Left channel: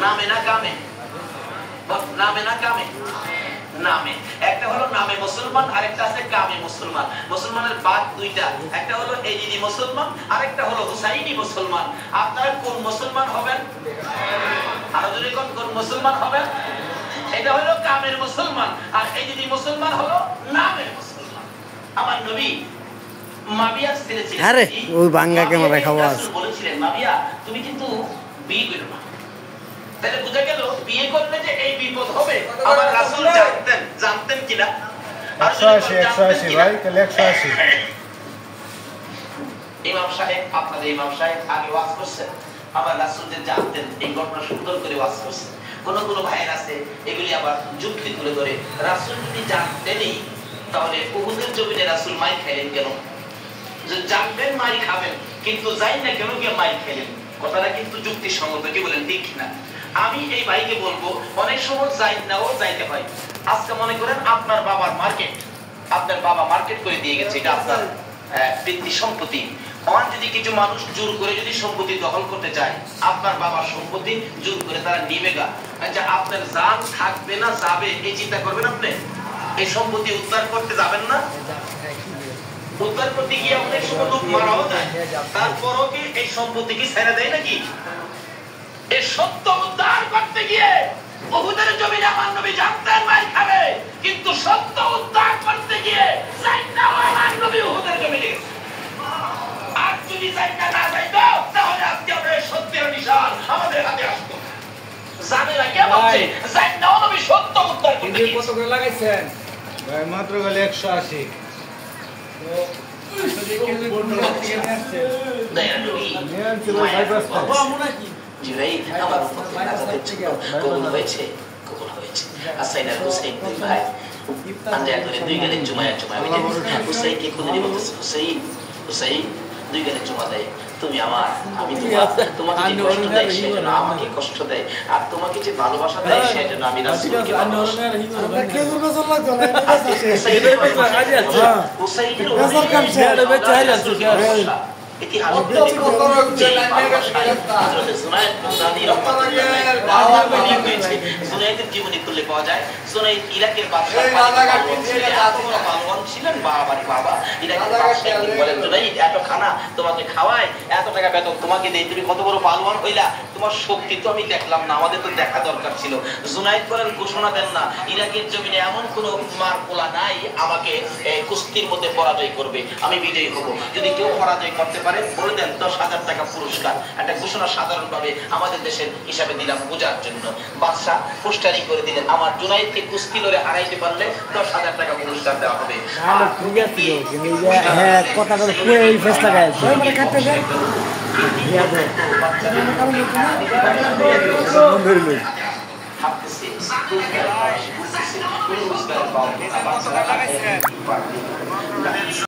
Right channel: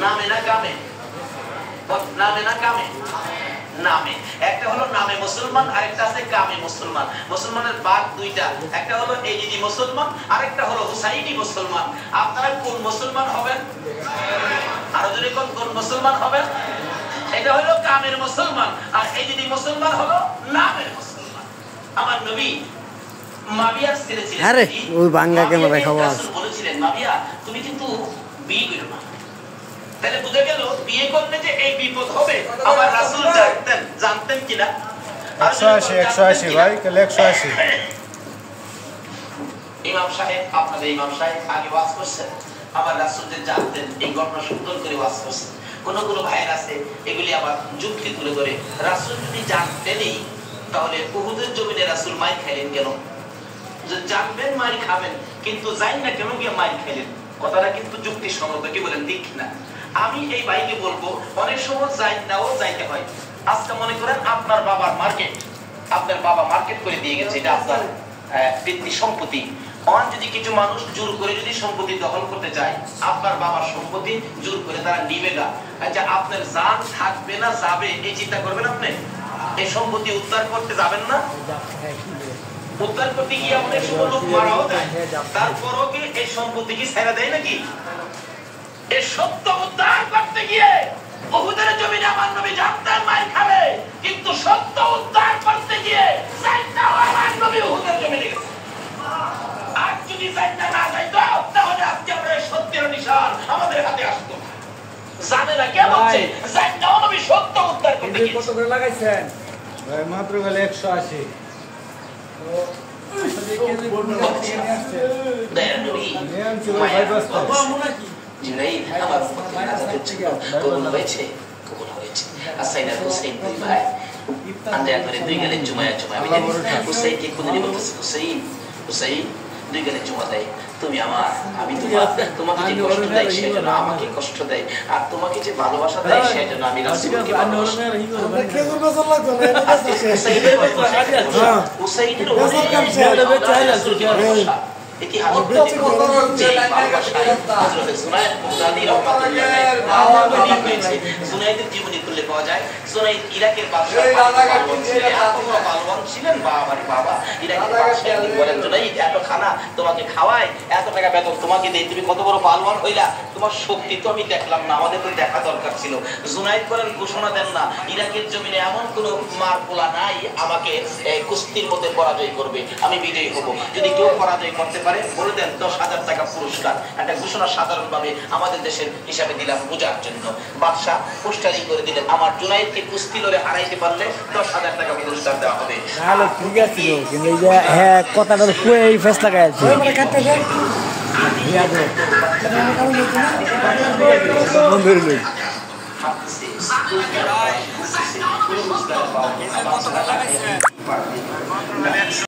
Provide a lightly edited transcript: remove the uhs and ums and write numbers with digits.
নামে না কামে? নামে না কামে? নামে। একটা হলো নামে মুসলমান, আরেকটা আছে কামে মুসলমান। মুসলমানের ভাগ দুইটা, একটা হলো এজিদি মুসলমান, আরেকটা হলো হুসাইনি মুসলমান। আপনারা কোন মুসলমান হবেন? আরো যদি কোন মুসলমান হবেন? এটা হলো কামের মুসলমান, আর এজিদি মুসলমান হলো নামের মুসলমান। আমার নবী মাবিয়ার ছেলে ছিলেন। আরে ওই বাঙ্গা ক্যামেরা খাওয়া আছে। বলেছিলেন মাবিয়া তুমি কিন্তু বিয়ে করো না। তাহলে বুঝা গেল বিয়ে করলে যে এই বিপদ হবে। আবার রাসূল জানতেন কিনা? 180 ভাই, কাল 180। ইমাম সাহেব, আপনাদের ইমাম সাহেব আগে ওয়াজ করছেন, আবার রাসূল যে জানতেন এই ঘটনা সুন্দর করে ওয়াজ করছেন। কোন ভাইয়ের আছে এগুলি আবার যুক্তি তুলে ধরে, রাসূল যদি জানতেনই তাহলে উহুদের জমিনে রাসূল মাই খেলেন কেন? যে জানবেন মাই খাবেন, কিন্তু যাই না কেন গিয়ে মাই খেলেন। কথাটা কিন্তু যুক্তিসঙ্গত, কি বলেন ঠিক না? আমি এই ভাইকে বলবো অনেক সময় যাই নাও যাইতে হয়। আজকে মনে করেন আপনার বাবার মার্কেট, আপনার বাবা মার্কেট করে দিয়ে গেছে, এটা আপনার ব্যক্তি সম্পত্তি। অন যদি কিছু মানুষ জোর করে যদি সম্পত্তি দখল করতে চায়, আপনার বাবার সম্পত্তি জোর করে তারা নিবে গা, আচ্ছা আপনার জান থাকবে না যাবে এই চিন্তা করবেন আপনি? এই সম্পত্তি উদ্ধার করতে যাবেন না? উদ্ধার করতে গিয়ে অনেক সময় লোক মারাও যায়, তারপরও কি এই সম্পত্তি কি ছেড়ে দেয় নাকি? এই সত্য উদ্ধার করতে গিয়ে উহুদের জমিনে আমার নবী জানতেন মাই খাবে, কিন্তু সত্য উদ্ধার করতে গিয়ে জানতেন আমার নবী উহুদের জমিনে গেছে। আর যদি জানতেন না যাইতো তাহলে আজকে আমরা সত্যের নিশান আমাদের হাতে আসতো। জানে না কে বলছে জানতেন নবী সত্য উদ্ধার করতে গিয়েছে। কত করে লাগাইছেন ভাই? মাত্র গেল 180। তো আসলে কে যে কোন জায়গা থেকে নিয়ে আসছে? দয়া নবী নিয়ে আনছে ভাই বস্তা। বাবা নাকি জিরাই আমার ভাই আছে কবুল হয়েছে, কবুল হয়েছে। আসাইনা হুসাইন দুই ভাই আন্দাজ করে দুই গেলে জুমায়া হুসাইন কে খুঁজে বলতেছে, হুসাইন হুসাইন দুই গেলে জুমা দেয়, তুমি আমার, আমি তোমার, তোমাকে যে কষ্ট দেয় সেটা না আমাকে কষ্ট দেয়, আর তোমাকে যে ভালোবাসা দেয় সেটা না আমি রাসূলকে ভালোবাসি। হুসাইনের এটি হাজরত যে ভালোবাসায় হযরত সুনাইদ মুগদাদি রাহমাতুল্লাহ সুনাইদের জীবনী তুলে পাওয়া যায়। সুনাইদ ইরাকের বাদশা পালওয়ান ছিলেন। বাবা ইরাকের বাদশা বলেন সুনাইদ এত খানা তোমাকে খাওয়ায়, এত টাকা বেতন তোমাকে দেই, তুমি কত বড় পালওয়ান হইলা, তোমার শক্তি তো আমি দেখলাম না, আমাদের তো দেখা দরকার ছিল। সুনাইদ বলেন ঘোষণা দেন না ইরাকের জমিনে এমন কোন মার পোলা নাই আমাকে কুস্তির মধ্যে পরাজয় করবে, আমি বিজয়ী হব। যদি কেউ পরাজয় করতে পারে বলে দেন 10,000 টাকা পুরস্কার। একটা ঘোষণা সাধারণভাবে আমাদের দেশের হিসাবে দিলাম বোঝার জন্য। বাদশা পোস্টারি করে দিলেন আমার জুনাইদকে কুস্তি লড়ে হারাইতে পারলে 10,000 টাকা পুরস্কার দেওয়া হবে। হ্যালো ঠিক আছে, কিন্তু হ্যাঁ কথাটা শুনে এই ফেসটা গাইছে বন্ধুর